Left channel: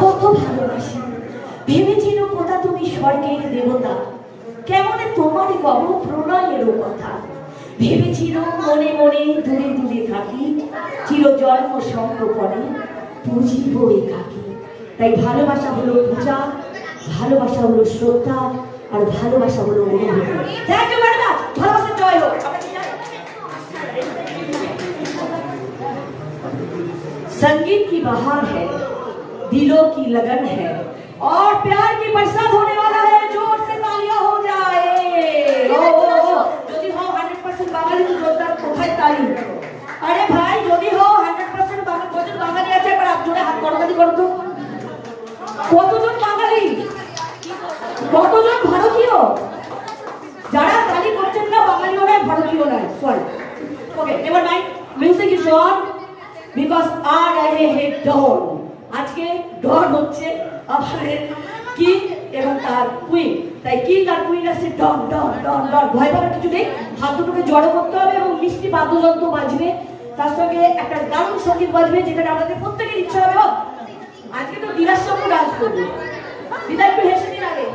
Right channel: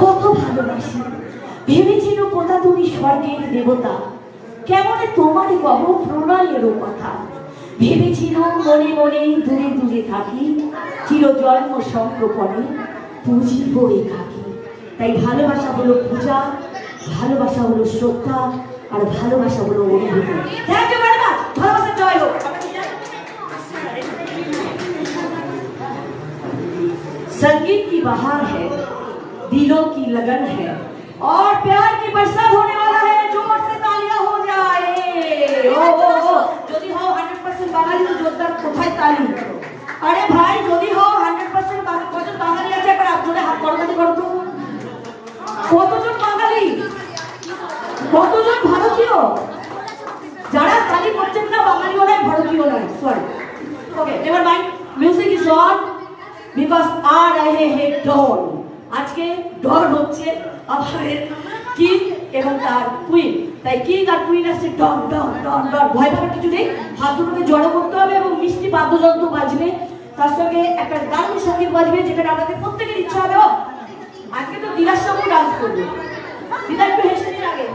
কত ভালোবাসি, ভেবেছিল কোথা তুমি স্বর্গের দেবতা, কেমন তোমার কব প্রণয়েরও কথা। ভেবেছিল মনে মনে দূরে দূরে থাকি, চির জন্ম সংকোপনে পুজিব একাকী। তাই ভালোবাসা হলো পূজা, ভালোবাসা হলো শ্রদ্ধা, আর ভালোবাসা হলো অনুভূতি। ভালোবাসা জয় হোক। संगीत की बहार है, दिलों की लगन है, और प्यार की बरसात होने वाला है। जोर से तालियां हो जाए। যদি হও 100% বাঙালি তো জোরদার কোথায় তালি? আরে ভাই যদি হও 100% কতজন বাঙালি আছে একবার জোরে হাত করতালি করো তো। কতজন বাঙালি, কতজন ভারতীয়? যারা তালি করছেন না বাঙালি নয়, ভারতীয় নয়, sorry. Okay, never mind, music is on. Because আ রহে হে ডন। আজকে ডন হচ্ছে আমাদের কিং এবং তার কুইন। তাই কিং আর কুইন আছে ডন ডন ডন ডন। ভয় পাওয়ার কিছু নেই, হাত দুটোকে জড়ো করতে হবে এবং মিষ্টি বাদ্যযন্ত্র বাজবে, তার সঙ্গে একটা দারুণ সঙ্গীত বাজবে, যেখানে আমাদের প্রত্যেকের ইচ্ছা হবে আজকে তো দিদার সঙ্গে ডান্স করবে। দিদা একটু হেসে দিন আগে।